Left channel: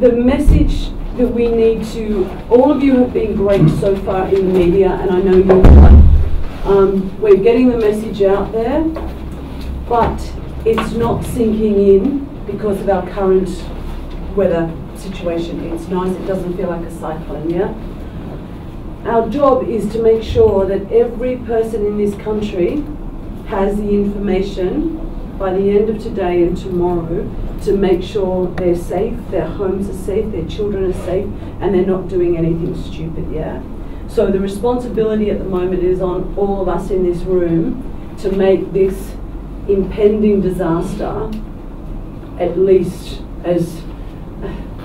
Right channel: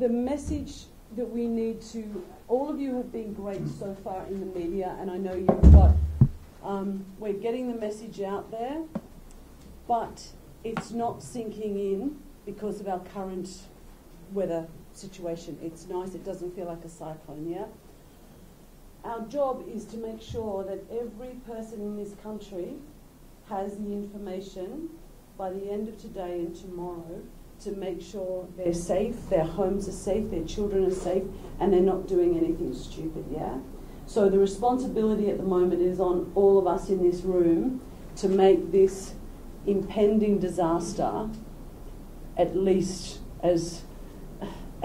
the message that we need to, all of you have been great so far in the media, and I know you will. We're getting the message out there, but it's not sinking in because of our current weather situation. It's nice, it doesn't feel like a cyclone, yeah? Our job is to make sure that every person in this country has the information by the end of today and tomorrow to make sure they're safe, their homes are safe, their children are safe, and they're not doing anything stupid, yeah? So the responsibility at the moment is on all of us in this room to make this impending disaster at least as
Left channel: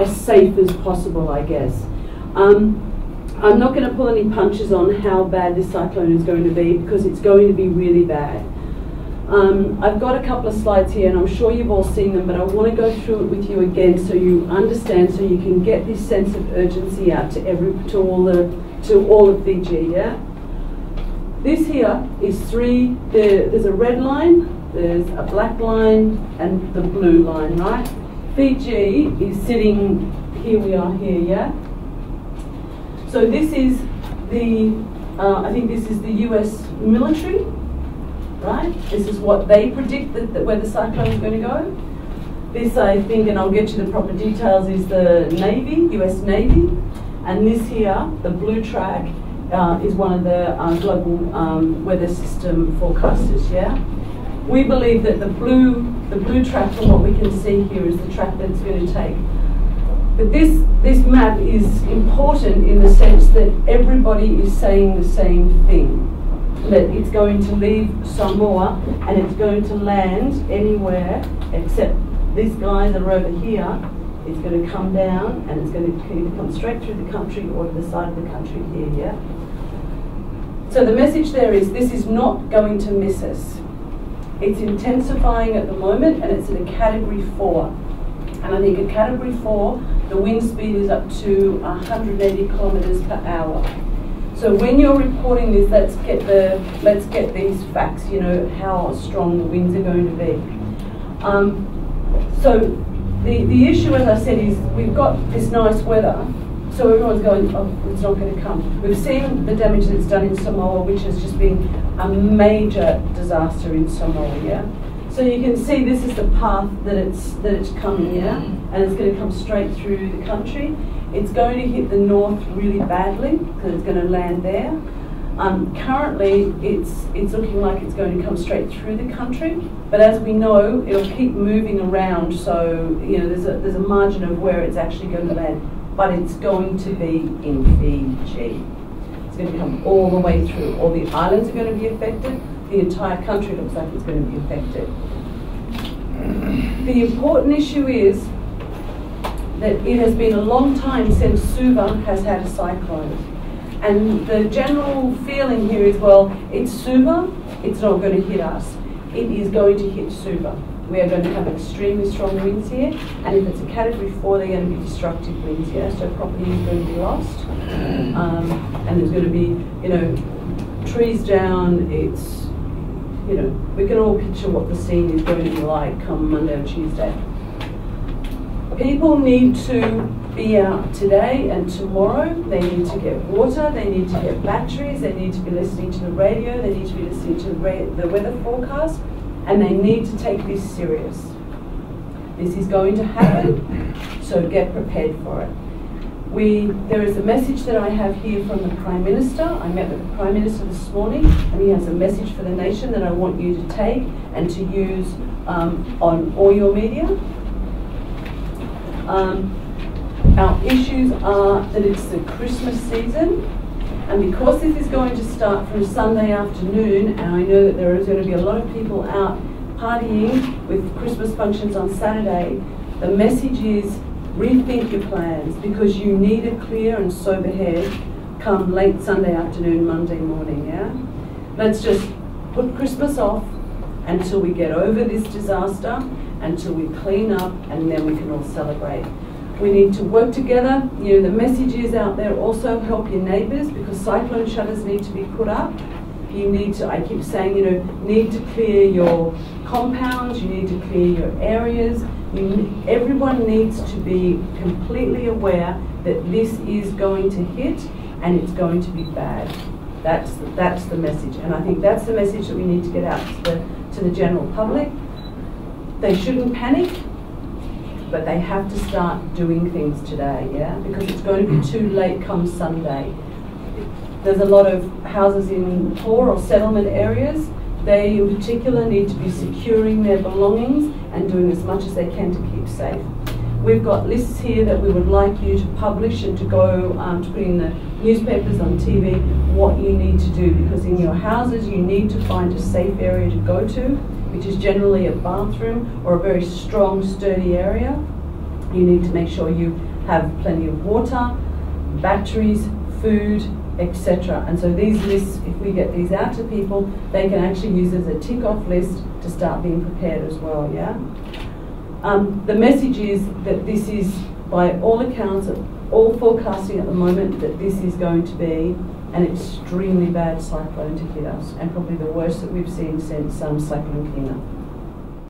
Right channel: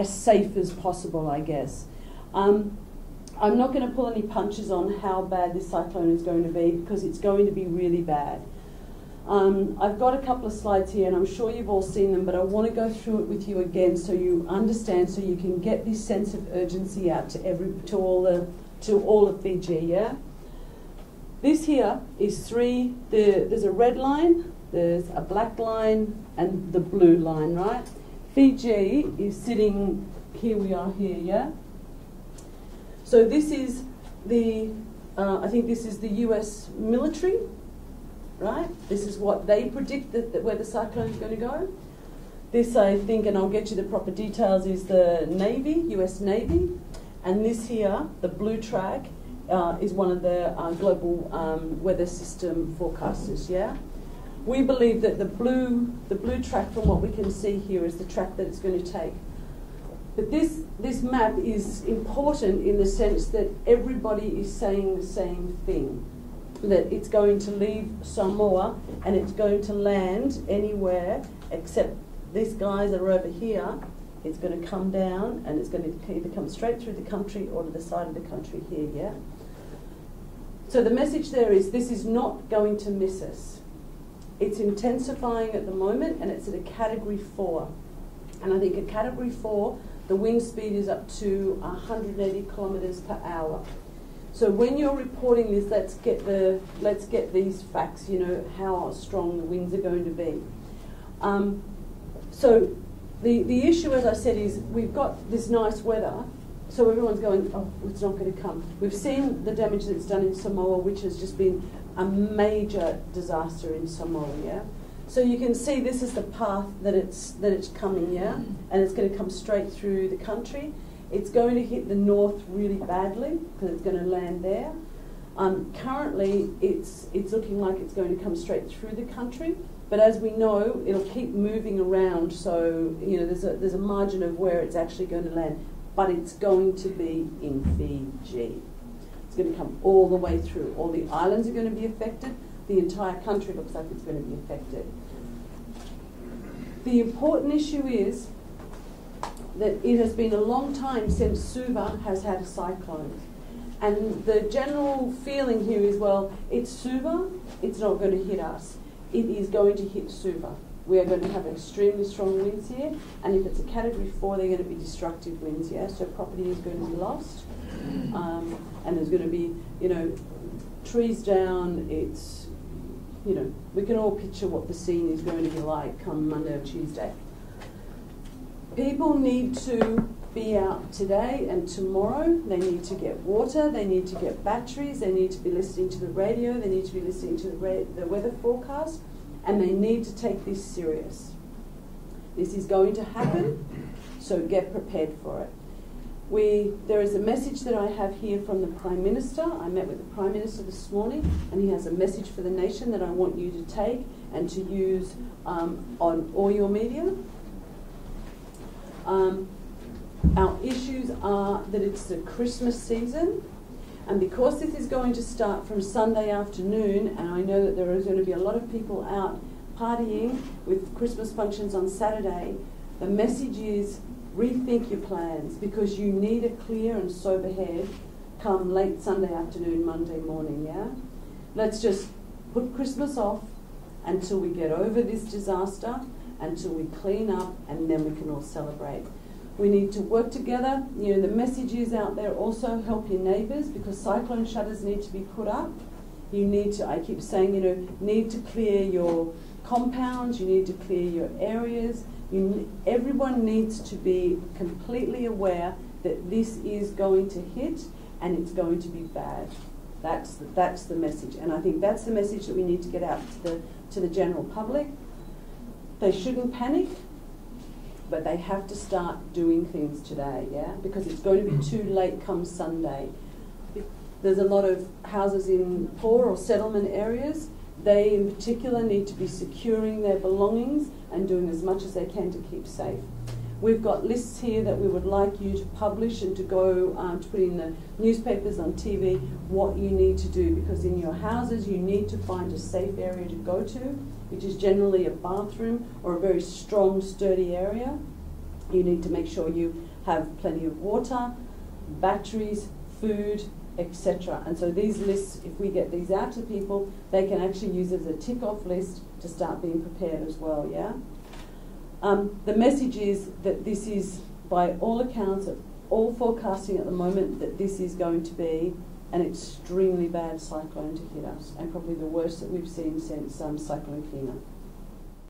safe as possible, I guess. I'm not going to pull any punches on how bad this cyclone is going to be, because it's going to be really bad. I've got a couple of slides here, and I'm sure you've all seen them, but I want to go through it with you again so you understand, so you can get this sense of urgency out to all of Fiji, yeah? This here is there's a red line, there's a black line, and the blue line, right? Fiji is sitting, here we are here, yeah? So this is I think this is the US military, right? This is what they predict that where the cyclone is going to go. This, I think, and I'll get you the proper details, is the Navy, US Navy. And this here, the blue track, is one of the global weather system forecasters, yeah? We believe that the blue track, from what we can see here, is the track that it's going to take. But this map is important in the sense that everybody is saying the same thing. That it's going to leave Samoa and it's going to land anywhere except these guys that are over here. It's going to come down and it's going to either come straight through the country or to the side of the country here, yeah? So the message there is this is not going to miss us. It's intensifying at the moment and it's at a Category 4. And I think at Category 4, the wind speed is up to 180 kilometres per hour. So when you're reporting this, let's get these facts, you know, how strong the winds are going to be. So the issue, as I said, is we've got this nice weather, so everyone's going, oh, it's not going to come. We've seen the damage that's done in Samoa, which has just been a major disaster in Samoa, yeah? So you can see this is the path that it's coming, yeah? And it's going to come straight through the country. It's going to hit the north really badly because it's going to land there. Currently, it's looking like it's going to come straight through the country, but as we know, it'll keep moving around. So you know, there's a margin of where it's actually going to land, but it's going to be in Fiji. It's going to come all the way through. All the islands are going to be affected. The entire country looks like it's going to be affected. The important issue is that it has been a long time since Suva has had a cyclone. And the general feeling here is, well, it's Suva, it's not going to hit us. It is going to hit Suva. We are going to have extremely strong winds here, and if it's a Category 4, they're going to be destructive winds, yeah? So property is going to be lost, and there's going to be, you know, trees down. It's, you know, we can all picture what the scene is going to be like come Monday or Tuesday. People need to be out today and tomorrow. They need to get water, they need to get batteries, they need to be listening to the radio, they need to be listening to the weather forecast, and they need to take this serious. This is going to happen, so get prepared for it. There is a message that I have here from the Prime Minister. I met with the Prime Minister this morning, and he has a message for the nation that I want you to take and to use on all your media. Our issues are that it's the Christmas season, and because this is going to start from Sunday afternoon, and I know that there is going to be a lot of people out partying with Christmas functions on Saturday, the message is rethink your plans, because you need a clear and sober head come late Sunday afternoon, Monday morning, yeah? Let's just put Christmas off until we get over this disaster, until we clean up, and then we can all celebrate. We need to work together. You know, the message is out there also, help your neighbours, because cyclone shutters need to be put up. You need to, I keep saying, you know, need to clear your compounds, you need to clear your areas. Everyone needs to be completely aware that this is going to hit and it's going to be bad. That's the message, and I think that's the message that we need to get out to the general public. They shouldn't panic, but they have to start doing things today, yeah? Because it's going to be too late come Sunday. There's a lot of houses in poor or settlement areas. They in particular need to be securing their belongings and doing as much as they can to keep safe. We've got lists here that we would like you to publish and to go to put in the newspapers, on TV, what you need to do, because in your houses you need to find a safe area to go to, which is generally a bathroom or a very strong, sturdy area. You need to make sure you have plenty of water, batteries, food, etc. And so these lists, if we get these out to people, they can actually use as a tick-off list to start being prepared as well, yeah? The message is that this is, by all accounts, all forecasting at the moment, that this is going to be an extremely bad cyclone to hit us, and probably the worst that we've seen since Cyclone Kina.